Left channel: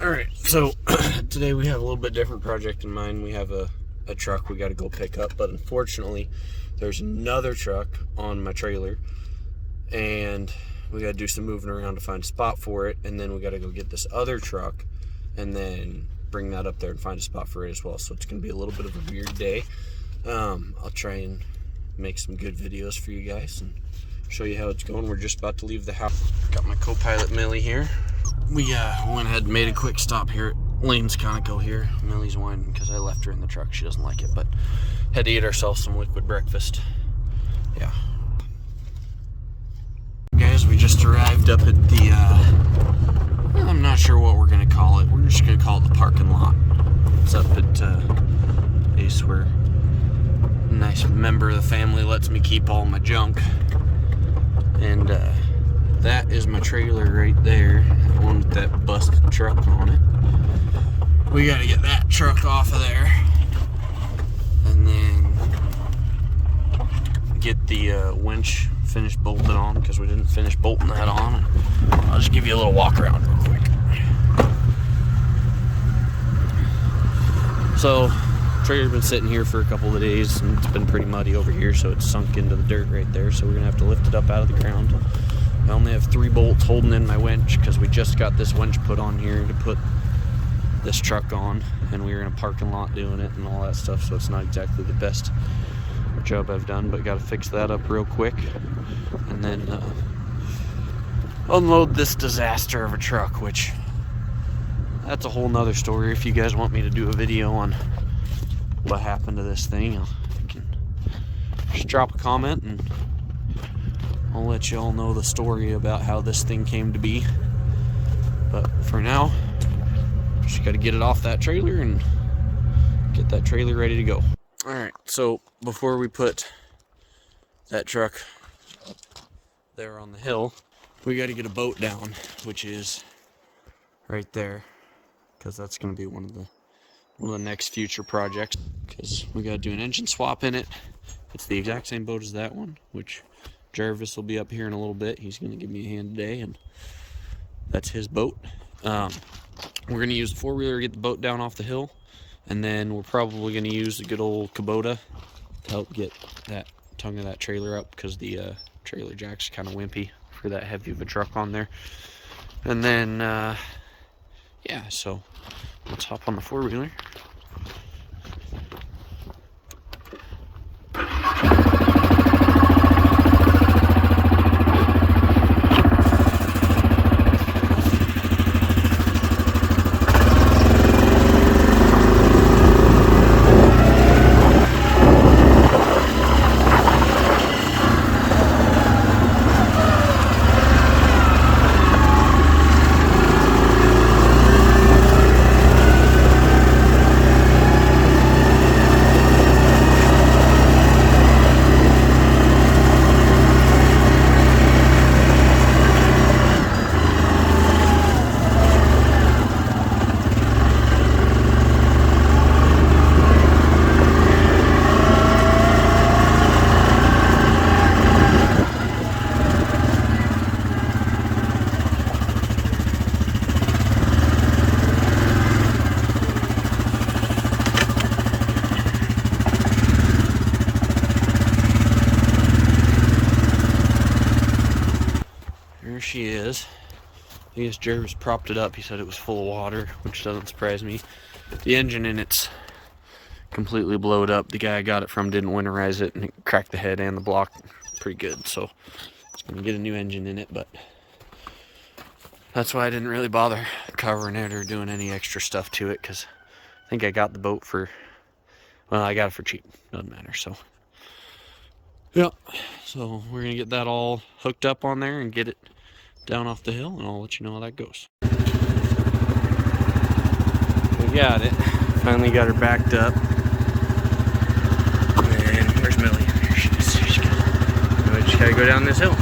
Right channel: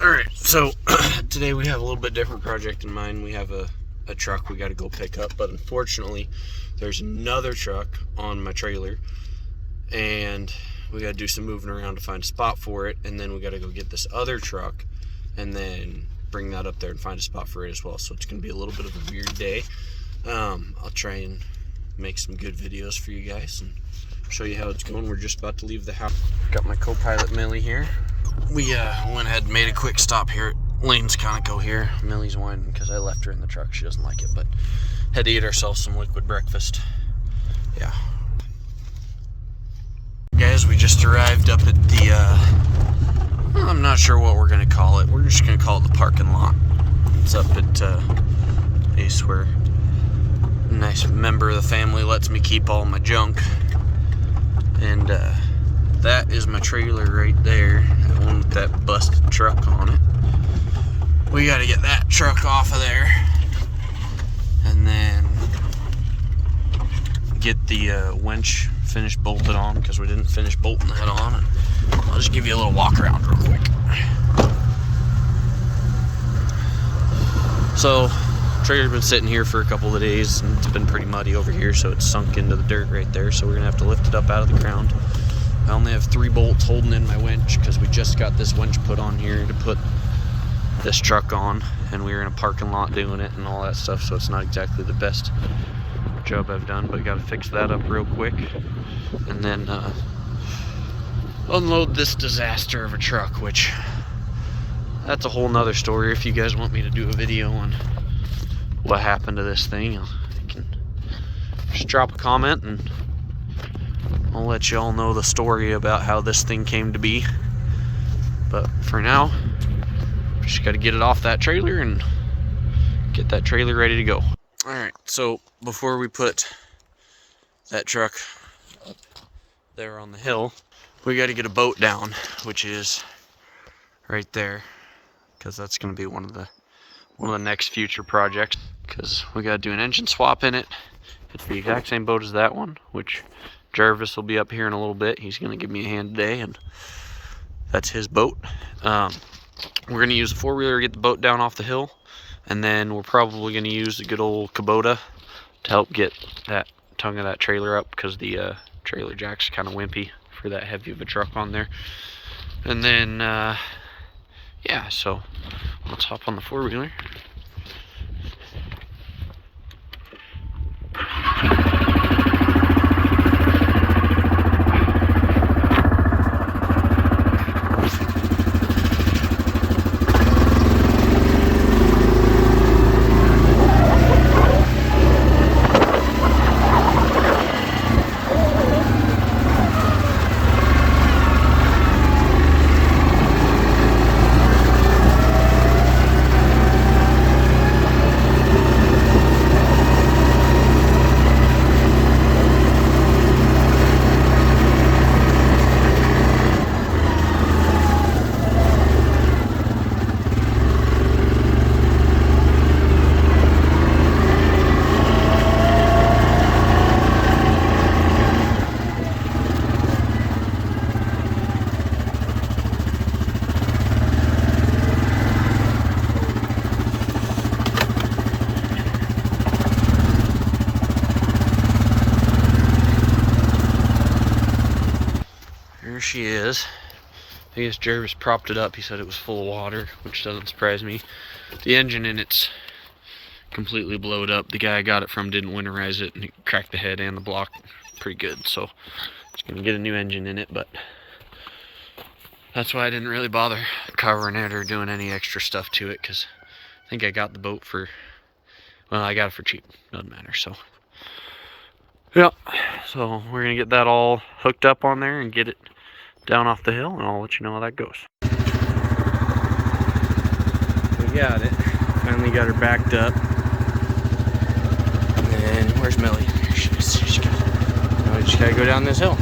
Alright, so today we have a little bit different project in mind. We have a truck we got to go pick up, but unfortunately there's another truck on my trailer and we got to do some moving around to find a spot for it, and then we got to go get this other truck and then bring that up there and find a spot for it as well. So it's going to be a little bit of a weird day. I'll try and make some good videos for you guys and show you how it's going. We're just about to leave the house. Got my co-pilot Millie here. We went ahead and made a quick stop here. Lanes kind of go here. Millie's whining because I left her in the truck. She doesn't like it, but had to eat ourselves some liquid breakfast. Yeah. Guys, we just arrived up at the, I'm not sure what we're going to call it. We're just going to call it the parking lot. It's up at Ace where a nice member of the family lets me keep all my junk. And that is my trailer right there, that one with that busted truck on it. We got to get that truck off of there and then get the winch finished bolted on, because we didn't finish bolting that on. And I'll just give you a little walk around real quick. So trailer's been sitting here for a couple of days and it's been pretty muddy over here, so it's sunk into the dirt right there. So we're gonna have to lift it up out of the ground. I only have 3 bolts holding in my winch because we just got this winch put on here to put this truck on, and we were in a parking lot doing it and all that stuff, so it's not exactly the best job I've done, but got to fix that up real quick and then unload this disaster of a truck, which that's a whole nother story. If you guys want me to do a video on what happened to this thing, I can just drop a comment and I'll let you all know the story about how this thing came to be. But for now, just got to get it off that trailer and get that trailer ready to go. Alright, so before we put that truck up there on the hill, we got to get a boat down, which is right there, because that's going to be one of the next future projects, because we got to do an engine swap in it. It's the exact same boat as that one, which Jarvis will be up here in a little bit. He's going to give me a hand today, and that's his boat. We're going to use a 4-wheeler to get the boat down off the hill, and then we're probably going to use a good old Kubota to help get that tongue of that trailer up, because the trailer jack's kind of wimpy for that heavy of a truck on there. And then, yeah, so let's hop on the 4-wheeler. There she is. I guess Jarvis propped it up. He said it was full of water, which doesn't surprise me. The engine in it's completely blowed up. The guy I got it from didn't winterize it, and it cracked the head and the block pretty good. So it's gonna get a new engine in it, but that's why I didn't really bother covering it or doing any extra stuff to it, because I think I got the boat for, well, I got it for cheap. Doesn't matter. So yeah, so we're gonna get that all hooked up on there and get it down off the hill, and I'll let you know how that goes. We got it. Finally got her backed up. And where's Millie? Here she is. Now we just gotta go down this hill.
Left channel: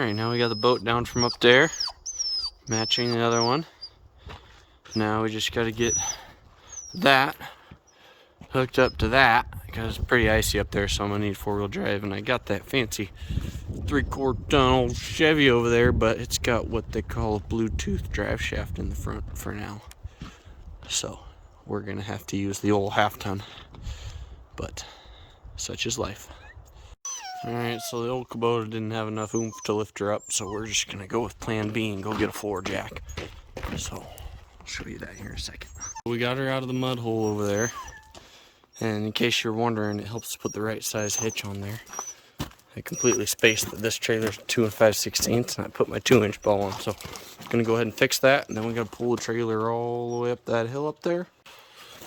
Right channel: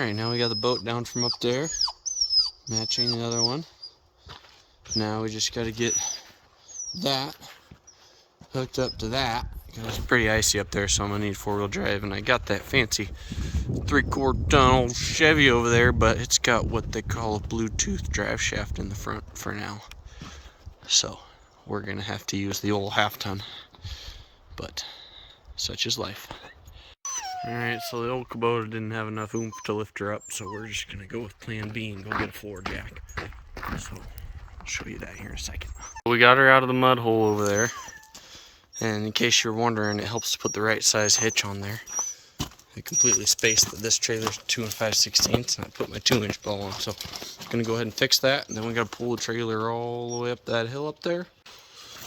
Alright, now we got the boat down from up there, matching the other one. Now we just got to get that hooked up to that, because it's pretty icy up there, so I'm going to need 4-wheel drive. And I got that fancy 3/4 ton old Chevy over there, but it's got what they call a Bluetooth drive shaft in the front for now. So we're going to have to use the old 1/2 ton, but such is life. Alright, so the old Kubota didn't have enough oomph to lift her up, so we're just going to go with plan B and go get a floor jack. So I'll show you that here in a second. We got her out of the mud hole over there, and in case you're wondering, it helps to put the right size hitch on there. I completely spaced that this trailer's 2 5/16, and I put my 2-inch ball on, so I'm going to go ahead and fix that, and then we got to pull the trailer all the way up that hill up there.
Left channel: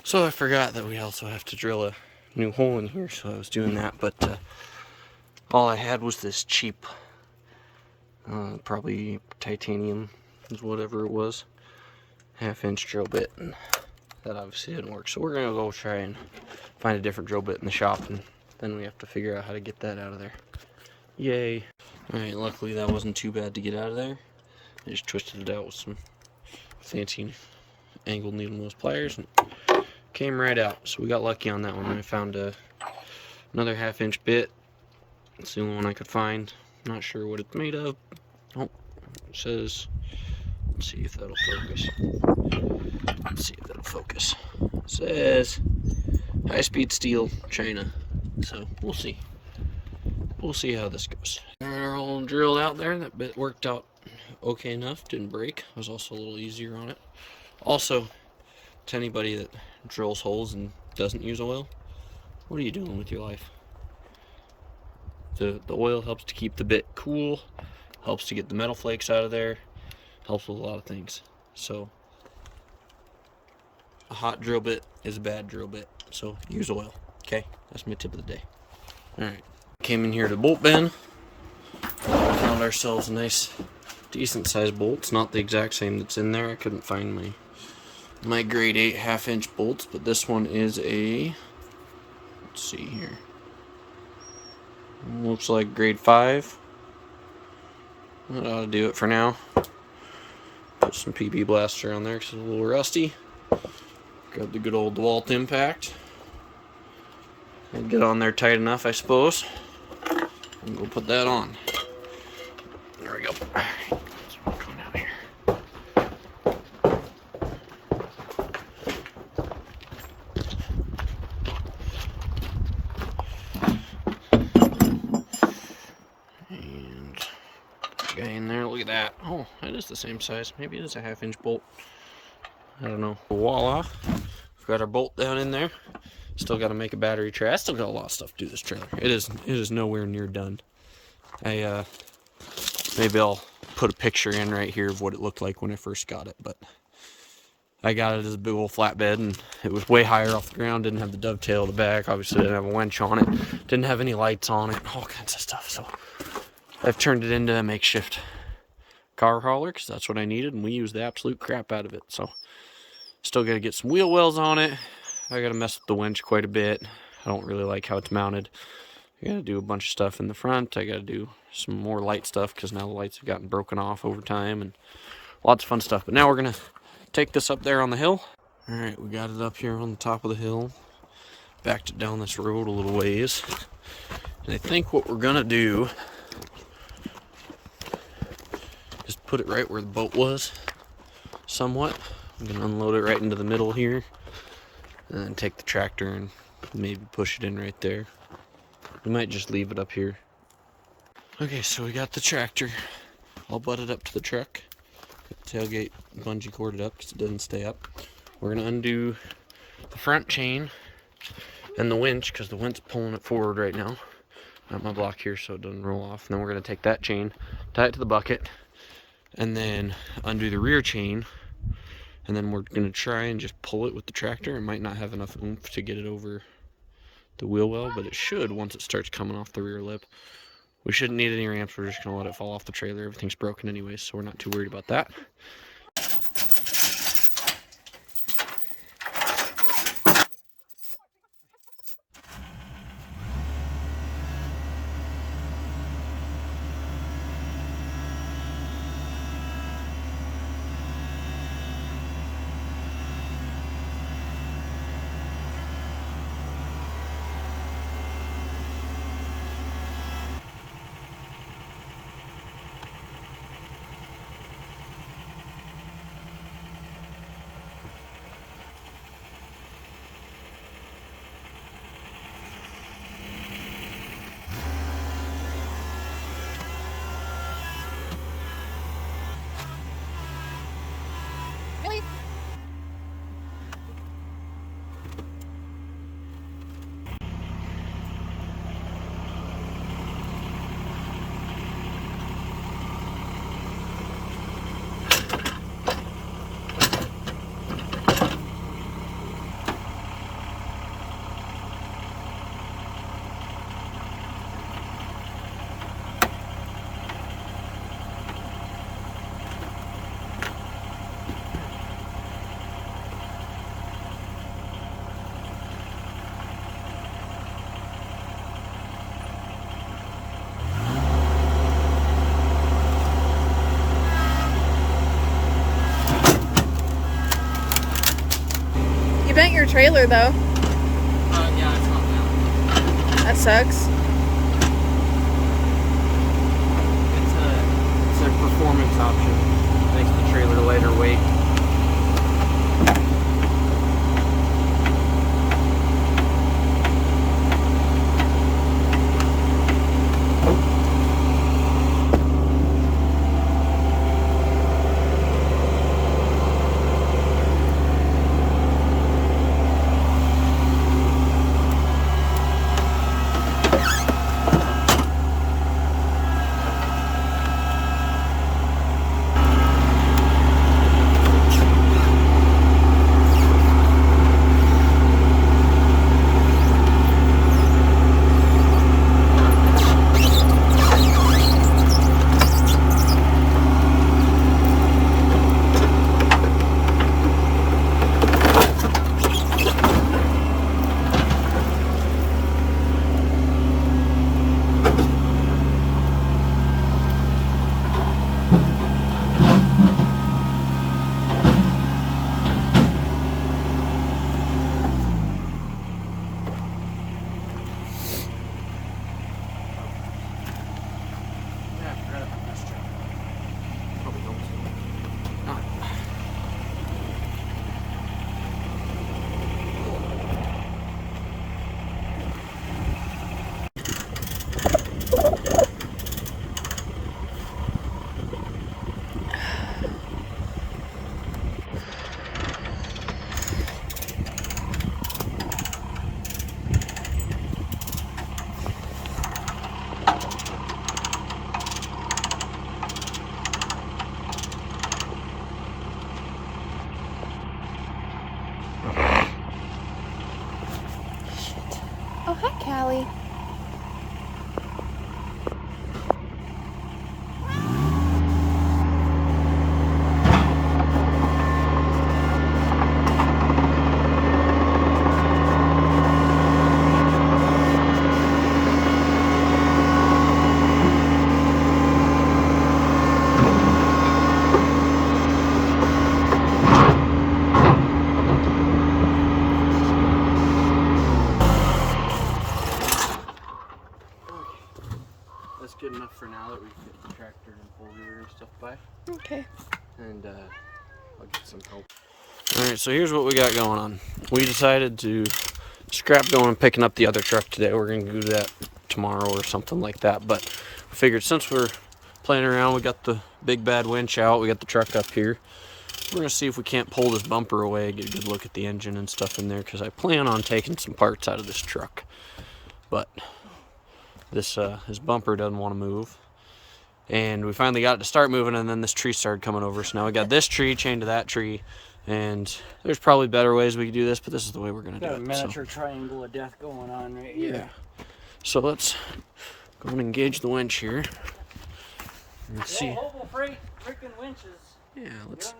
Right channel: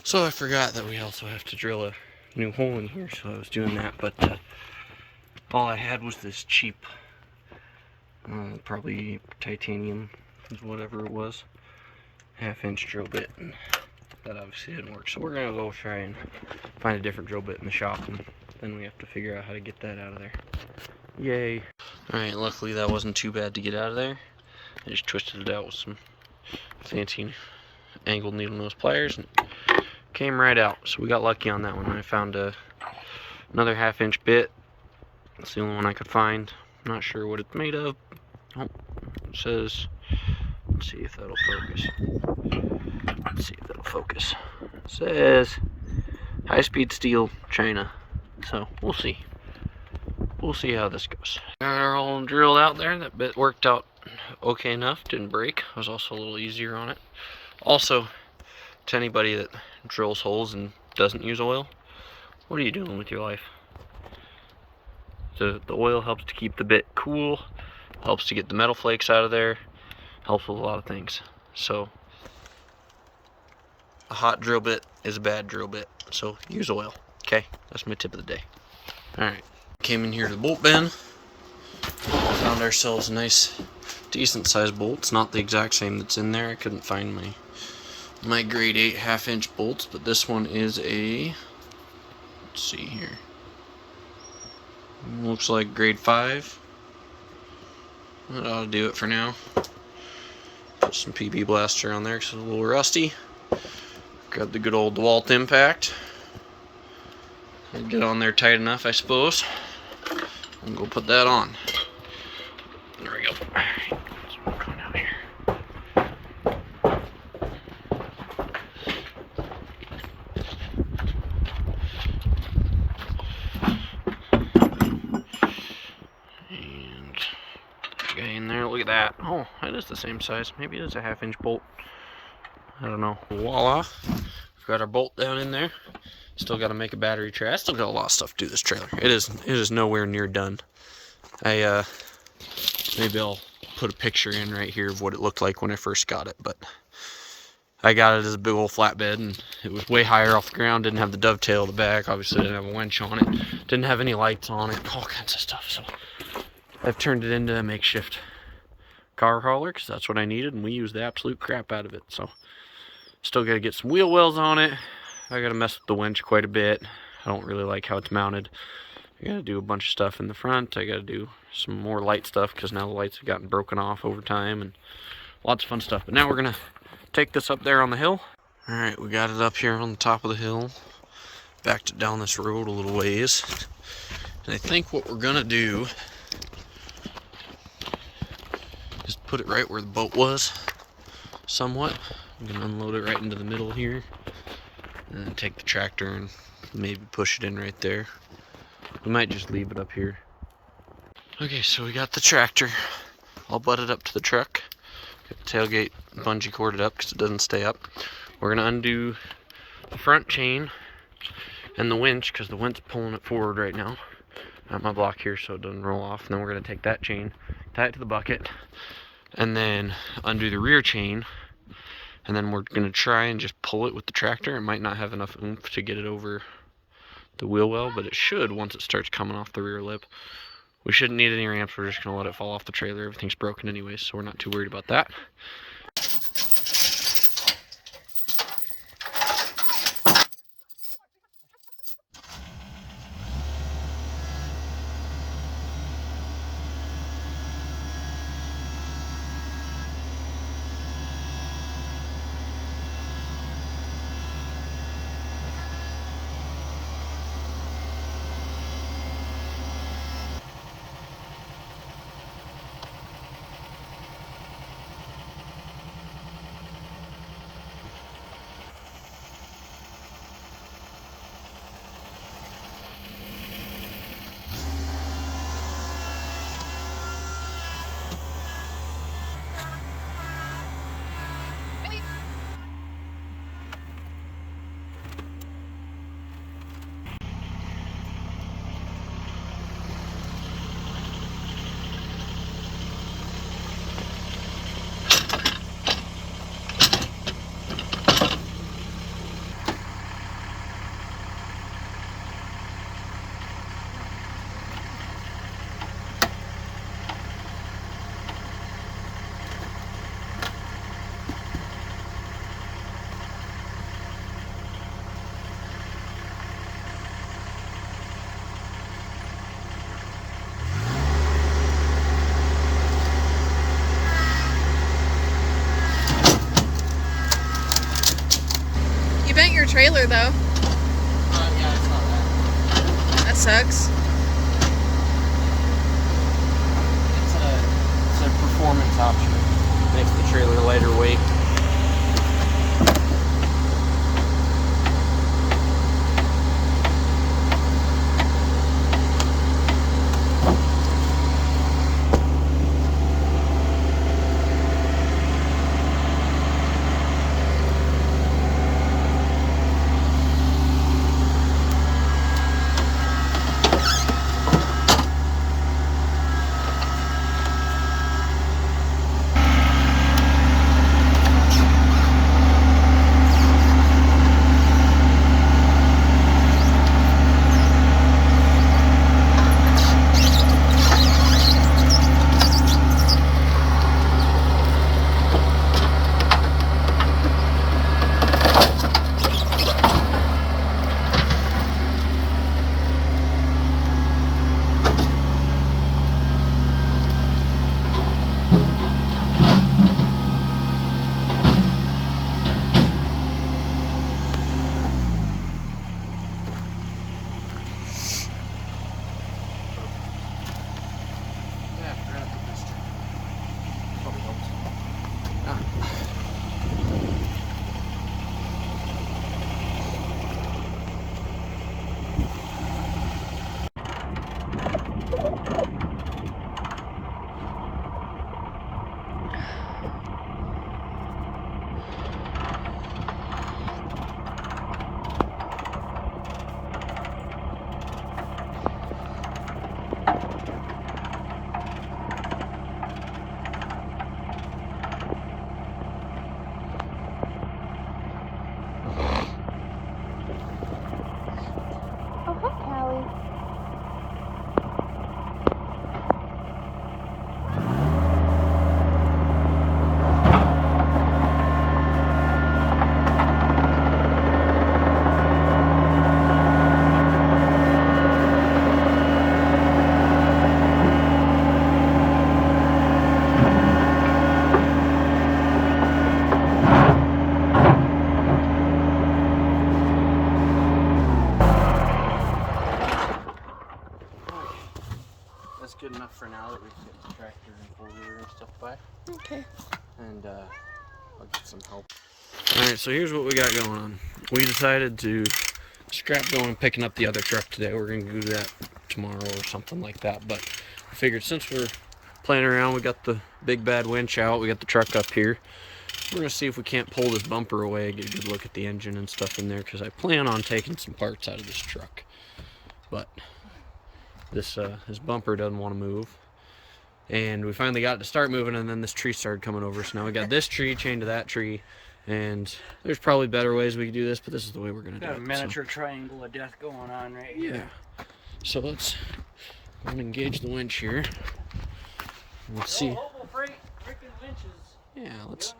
So I forgot that we also have to drill a new hole in here, so I was doing that, but all I had was this cheap, probably titanium, whatever it was, 1/2-inch drill bit, and that obviously didn't work. So we're gonna go try and find a different drill bit in the shop, and then we have to figure out how to get that out of there. Yay! Alright, luckily that wasn't too bad to get out of there. I just twisted it out with some fancy angled needle nose pliers, and came right out. So we got lucky on that one. I found another 1/2-inch bit. It's the only one I could find. I'm not sure what it's made of. Oh, it says, let's see if that'll focus. Let's see if that'll focus. It says high-speed steel, China. So we'll see. We'll see how this goes. Got our all drilled out there. That bit worked out okay enough. Didn't break. It was also a little easier on it. Also, to anybody that drills holes and doesn't use oil, what are you doing with your life? The oil helps to keep the bit cool, helps to get the metal flakes out of there, helps with a lot of things. So a hot drill bit is a bad drill bit, so use oil. Okay, that's my tip of the day. Alright, came in here to the bolt bin, found ourselves a nice decent sized bolt. It's not the exact same that's in there. I couldn't find my grade 8 1/2-inch bolts, but this one is a, let's see here, looks like grade 5. That ought to do it for now. Put some PB blaster on there because it's a little rusty. Grab the good old DeWalt impact and get on there tight enough, I suppose. And go put that on. There we go. Let's work on out here. And that guy in there, look at that. Oh, that is the same size. Maybe it is a 1/2-inch bolt. I don't know. Voila. We've got our bolt down in there. Still got to make a battery tray. I still got a lot of stuff to do this trailer. It is nowhere near done. Maybe I'll put a picture in right here of what it looked like when I first got it, but I got it as a big old flatbed, and it was way higher off the ground, didn't have the dovetail at the back, obviously didn't have a winch on it, didn't have any lights on it, all kinds of stuff. So I've turned it into a makeshift car hauler because that's what I needed, and we used the absolute crap out of it. So still got to get some wheel wells on it. I got to mess with the winch quite a bit. I don't really like how it's mounted. I got to do a bunch of stuff in the front. I got to do some more light stuff because now the lights have gotten broken off over time, and lots of fun stuff. But now we're going to take this up there on the hill. Alright, we got it up here on the top of the hill. Backed it down this road a little ways. And I think what we're going to do is put it right where the boat was, somewhat. I'm going to unload it right into the middle here. And then take the tractor and maybe push it in right there. We might just leave it up here. Okay, so we got the tractor all butted up to the truck. Got the tailgate bungee corded up because it doesn't stay up. We're going to undo the front chain and the winch because the winch is pulling it forward right now. I have my block here so it doesn't roll off. And then we're going to take that chain, tie it to the bucket, and then undo the rear chain. And then we're going to try and just pull it with the tractor. It might not have enough oomph to get it over the wheel well, but it should once it starts coming off the rear lip. We shouldn't need any ramps. We're just going to let it fall off the trailer. Everything's broken anyways, so we're not too worried about that. trailer though. Yeah, I saw that. That sucks. It's a performance option. Makes the trailer lighter weight. Oh, hi, Callie. That's good enough for now that we can get the tractor and four-wheeler and stuff by. Okay. And I'll get some help. Alright, so here's what we got going on. We decided to scrap going and picking up the other truck today. We're going to do that tomorrow or something like that. But I figured since we're playing around, we got the big bad winch out, we got the truck up here. We're going to see if we can't pull this bumper away, get a good look at the engine and stuff in there, because I plan on taking some parts out of this truck. But this bumper doesn't want to move. And we finally got it to start moving, and then this tree started coming over. So now we got this tree chained to that tree. And there's probably better ways we could do this, but this is the way we're going to do it. Got a miniature triangle of death going on right here. Yeah. So let's go and engage the winch here. And see. Freaking winches. Yeah, let's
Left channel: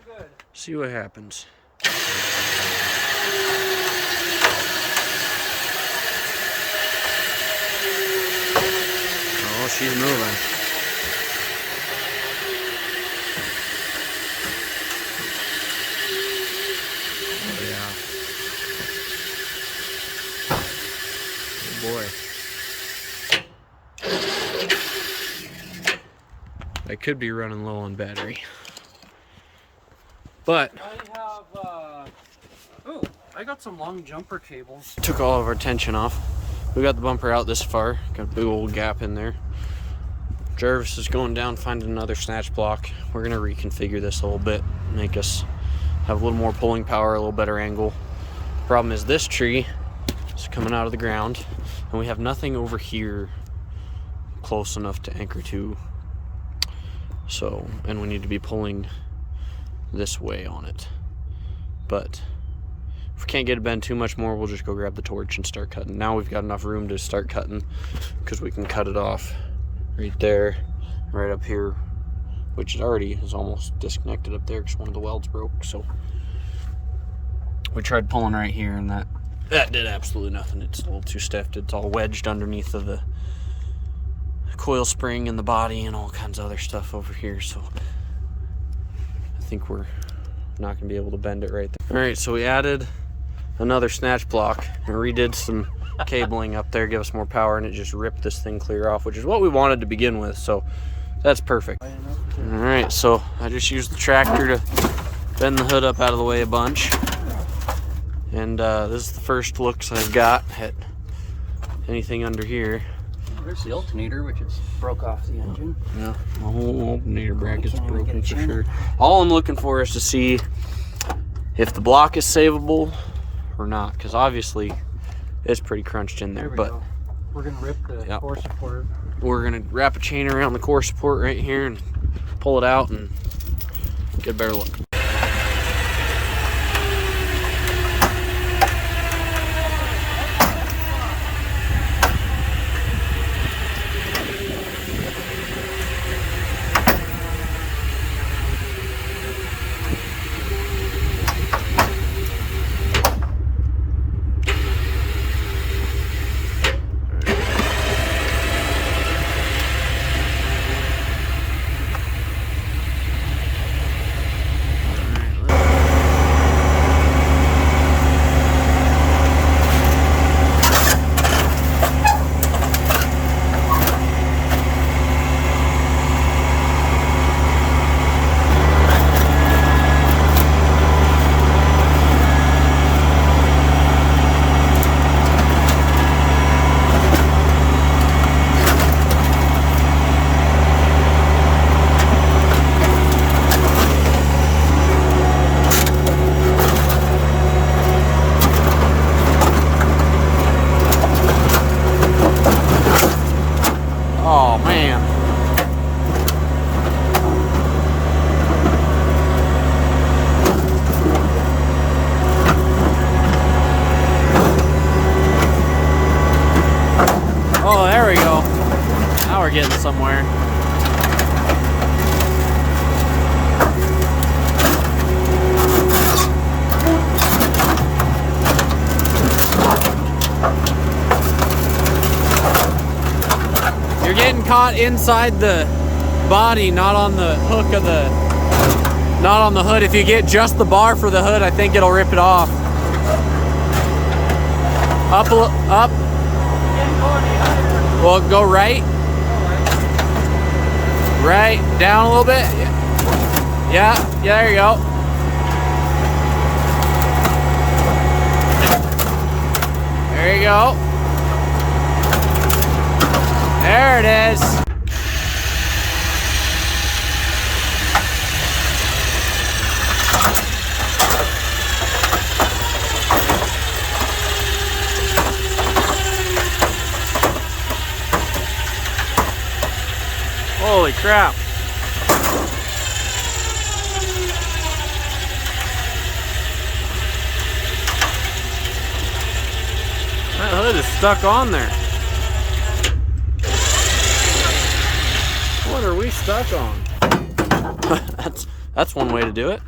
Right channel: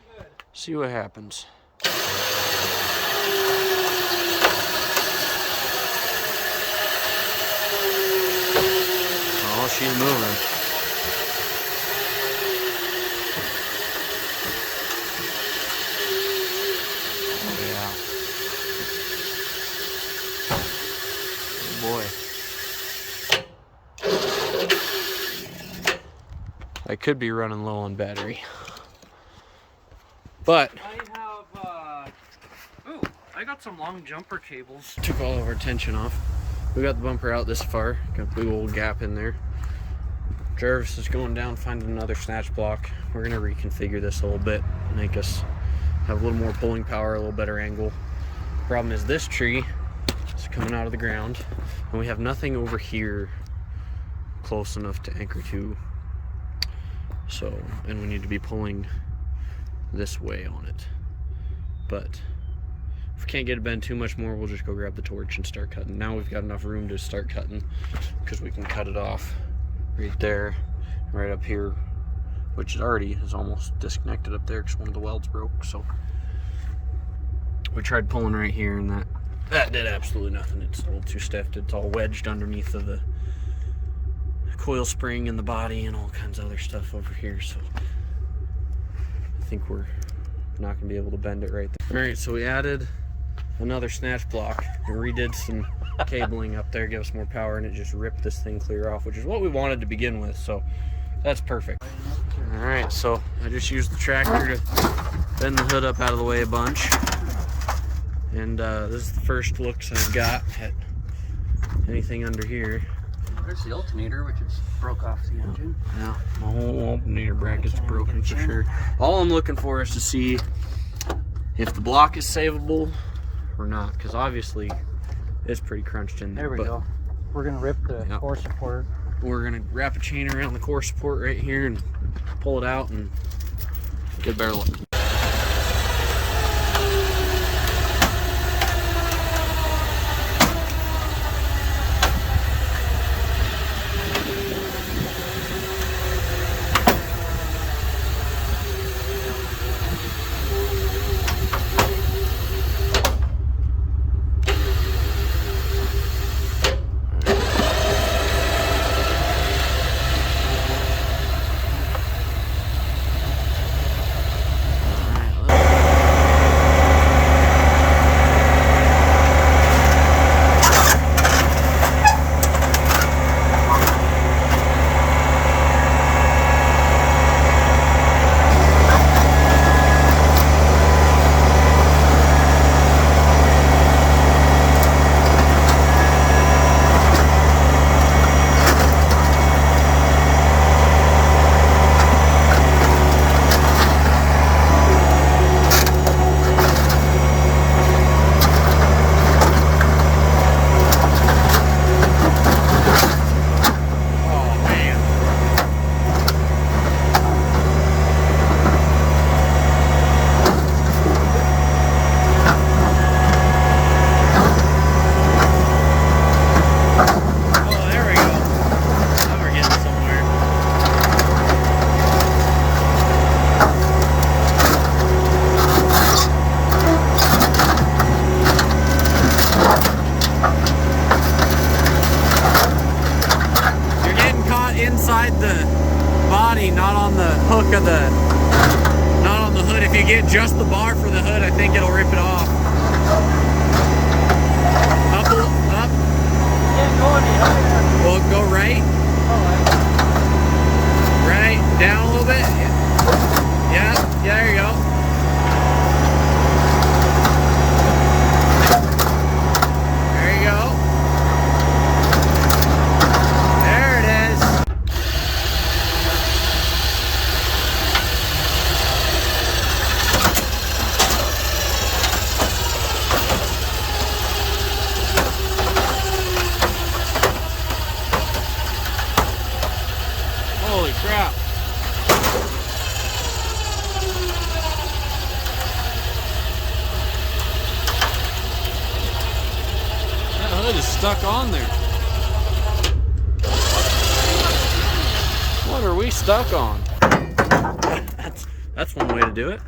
see what happens. Oh, she's moving. Oh, yeah. Oh, boy. I could be running low on battery. But I got some long jumper cables. Took all of our tension off. We got the bumper out this far. Got a big old gap in there. Jarvis is going down, finding another snatch block. We're gonna reconfigure this a little bit, make us have a little more pulling power, a little better angle. Problem is this tree is coming out of the ground, and we have nothing over here close enough to anchor to. So, and we need to be pulling this way on it. But if we can't get it bent too much more, we'll just go grab the torch and start cutting. Now we've got enough room to start cutting, because we can cut it off right there, right up here, which already is almost disconnected up there because one of the welds broke. So we tried pulling right here, and that did absolutely nothing. It's a little too stiff. It's all wedged underneath of the coil spring and the body and all kinds of other stuff over here. So I think we're not gonna be able to bend it right there. All right, so we added another snatch block and redid some cabling up there, give us more power, and it just ripped this thing clear off, which is what we wanted to begin with, so that's perfect. All right, so I just used the tractor to bend the hood up out of the way a bunch, and this is the first looks I've got at anything under here. There's the alternator, which is broke off the engine. Yeah, the whole alternator bracket's broken for sure. All I'm looking for is to see if the block is savable or not, because obviously it's pretty crunched in there. But we're gonna rip the core support. We're gonna wrap a chain around the core support right here and pull it out and get a better look. Caught inside the body, not on the hook of the, not on the hood. If you get just the bar for the hood, I think it'll rip it off. Up. Well, go right. Right, down a little bit. Yeah, there you go. There you go. There it is. Holy crap. That hood is stuck on there. What are we stuck on? That's one way to do it.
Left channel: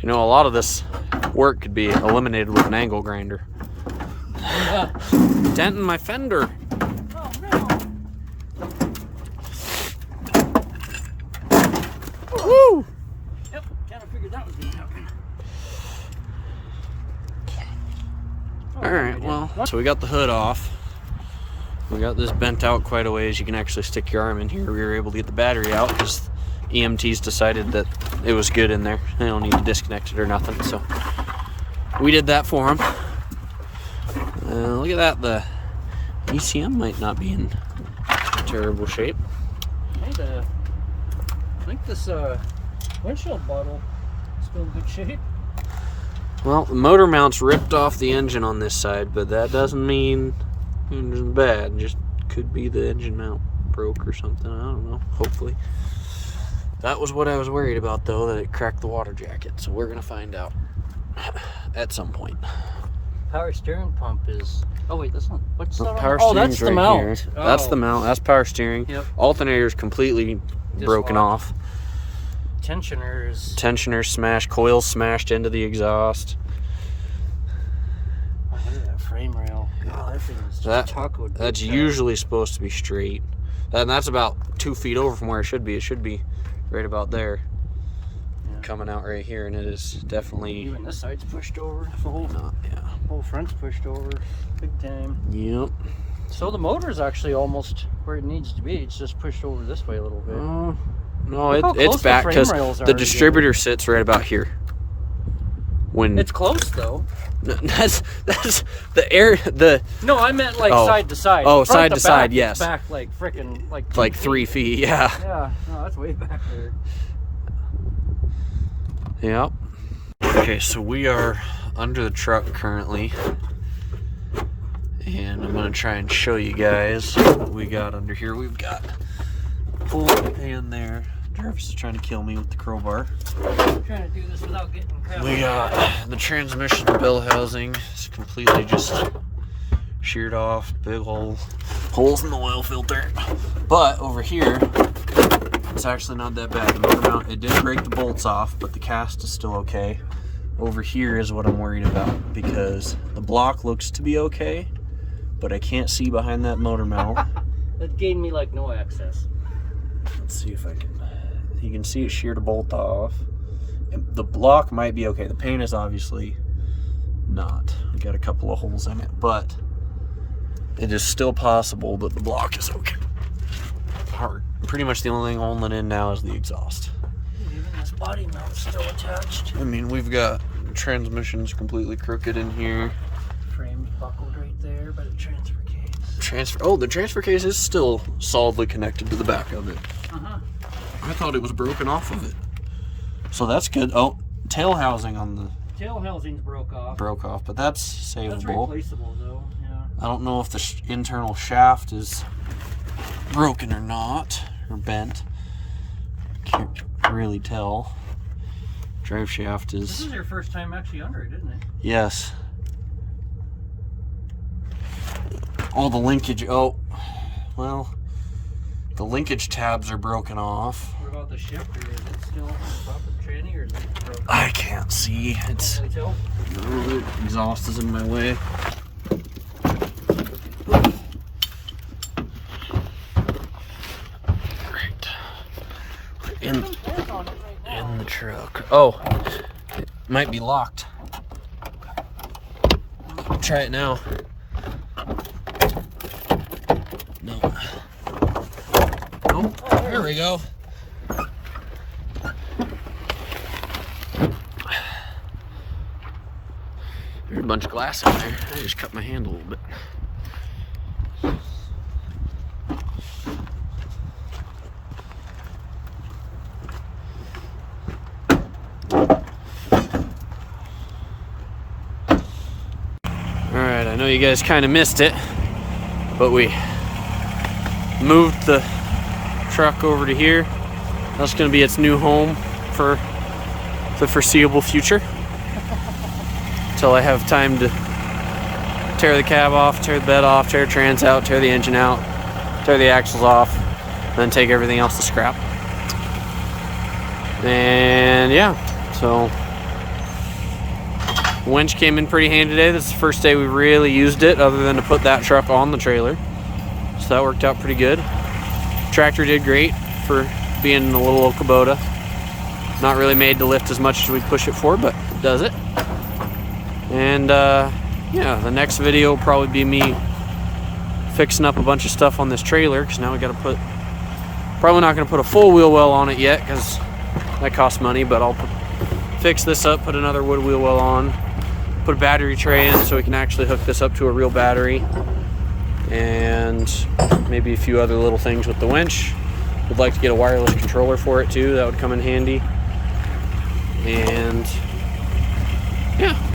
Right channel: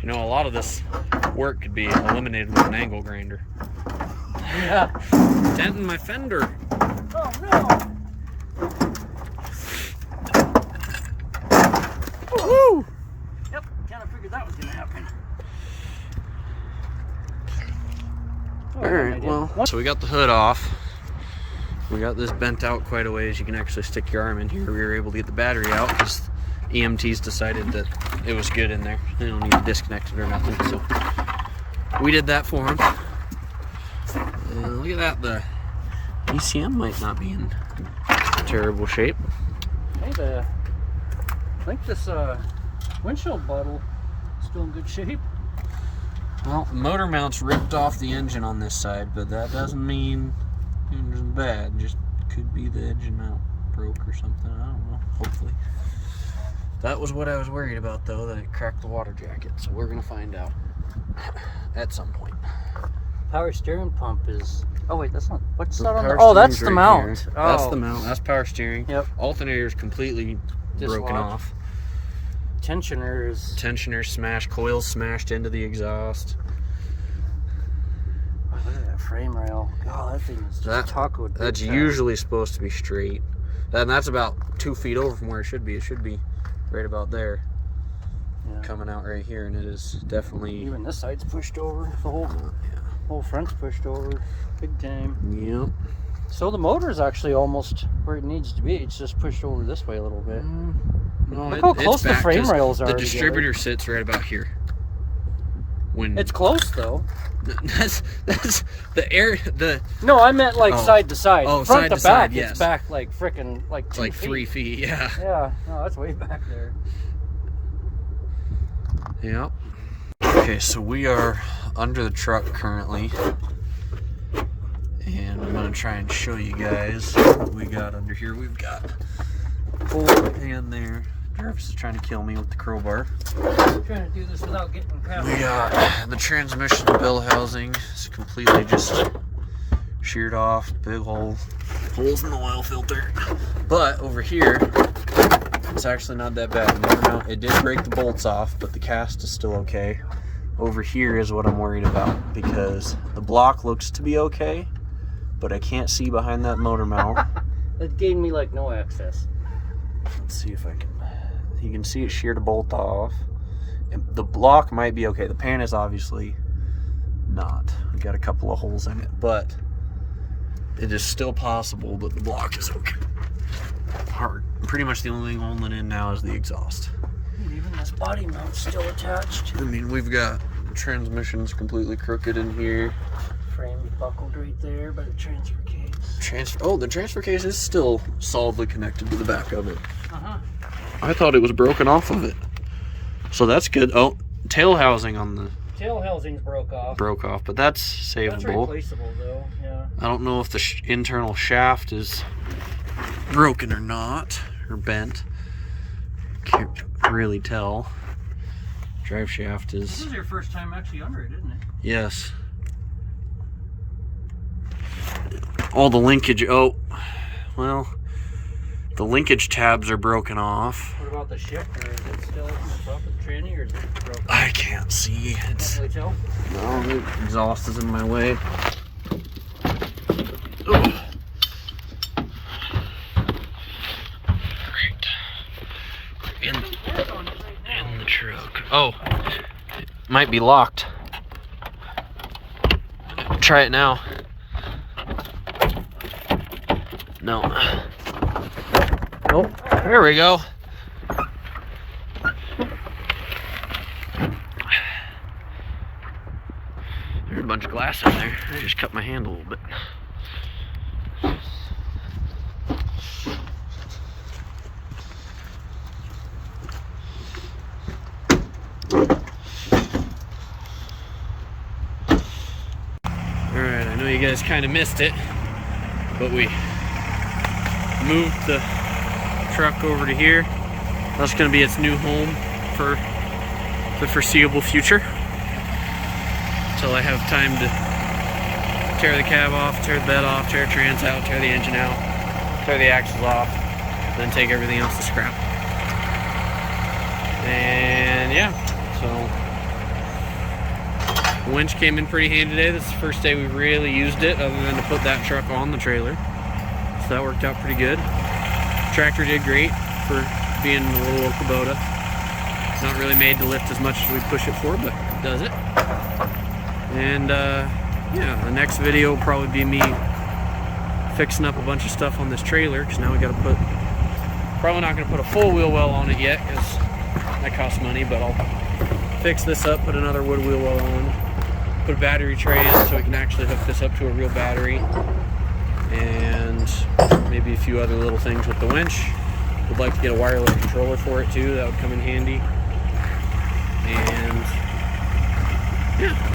You know, a lot of this work could be eliminated with an angle grinder. Yeah, denting my fender. Oh no! Woo! Yep, kind of figured that was gonna happen. Alright, well, so we got the hood off. We got this bent out quite a ways. You can actually stick your arm in here. We were able to get the battery out because EMTs decided that it was good in there. They don't need to disconnect it or nothing, so we did that for them. Look at that, the ECM might not be in terrible shape. I think this windshield bottle is still in good shape. Well, the motor mount's ripped off the engine on this side, but that doesn't mean the engine's bad. Just could be the engine mount broke or something. I don't know, hopefully. That was what I was worried about, though, that it cracked the water jacket. So we're going to find out at some point. power steering pump is... Oh wait, that's not... What's that on Power the... Oh, that's steering's the right mount. here. Oh. That's the mount. That's power steering. Yep. Alternator's completely broken off. Tensioners. Tensioner smashed. Coils smashed into the exhaust. Oh, look at that frame rail. Oh, that thing is taco. That's usually supposed to be straight. And that's about 2 feet over from where it should be. It should be right about there. Yeah. Coming out right here, and it is definitely... Even this side's pushed over. The whole, yeah. Whole front's pushed over. Big time. Yep. So the motor is actually almost where it needs to be. It's just pushed over this way a little bit. No, it's back because the distributor sits right about here. When it's close though. That's the air. No, I meant like side to side. Oh, side to side, yes. Back like freaking like 3 feet. Yeah. Yeah. No, that's way back there. Yep. Okay, so we are under the truck currently, and I'm gonna try and show you guys what we got under here. We've got pull pan there. Jarvis is trying to kill me with the crowbar. I'm trying to do this without getting crap. We got the transmission bell housing. It's completely just sheared off. Big holes in the oil filter. But over here, it's actually not that bad. Motor mount, it did break the bolts off, but the cast is still okay. Over here is what I'm worried about, because the block looks to be okay, but I can't see behind that motor mount. That gave me like no access. Let's see if I can. You can see it sheared a bolt off. And the block might be okay. The pan is obviously not. We got a couple of holes in it, but it is still possible that the block is okay. Hard. Pretty much the only thing holding in now is the exhaust. Even this body mount's still attached. I mean, we've got transmissions completely crooked in here. Frame's buckled right there by the transfer case. The transfer case is still solidly connected to the back of it. I thought it was broken off of it. So that's good. Oh, tail housing on the... Tail housing's broke off, but that's savable. That's replaceable though, yeah. I don't know if the internal shaft is broken or not, or bent. Can't really tell. Drive shaft is... This is your first time actually under it, isn't it? Yes. All the linkage... Oh, well... The linkage tabs are broken off. What about the shifter? Is it still broken tranny or is it broken? I can't see. It's... Can't really tell? No, the exhaust is in my way. Ugh. In the truck. Oh, it might be locked. Try it now. No. Oh, there we go. There's a bunch of glass in there. I just cut my hand a little bit. Alright, I know you guys kind of missed it, but we moved the truck over to here. That's going to be its new home for the foreseeable future, until I have time to tear the cab off, tear the bed off, tear trans out, tear the engine out, tear the axles off, then take everything else to scrap. And yeah, so the winch came in pretty handy today. This is the first day we really used it other than to put that truck on the trailer, so that worked out pretty good. Tractor did great for being a little low Kubota. Not really made to lift as much as we push it for, but it does it. And yeah, the next video will probably be me fixing up a bunch of stuff on this trailer, because now we got to put, probably not going to put a full wheel well on it yet because that costs money, but I'll fix this up, put another wood wheel well on, put a battery tray in so we can actually hook this up to a real battery, and maybe a few other little things with the winch. Would like to get a wireless controller for it too. That would come in handy. And yeah.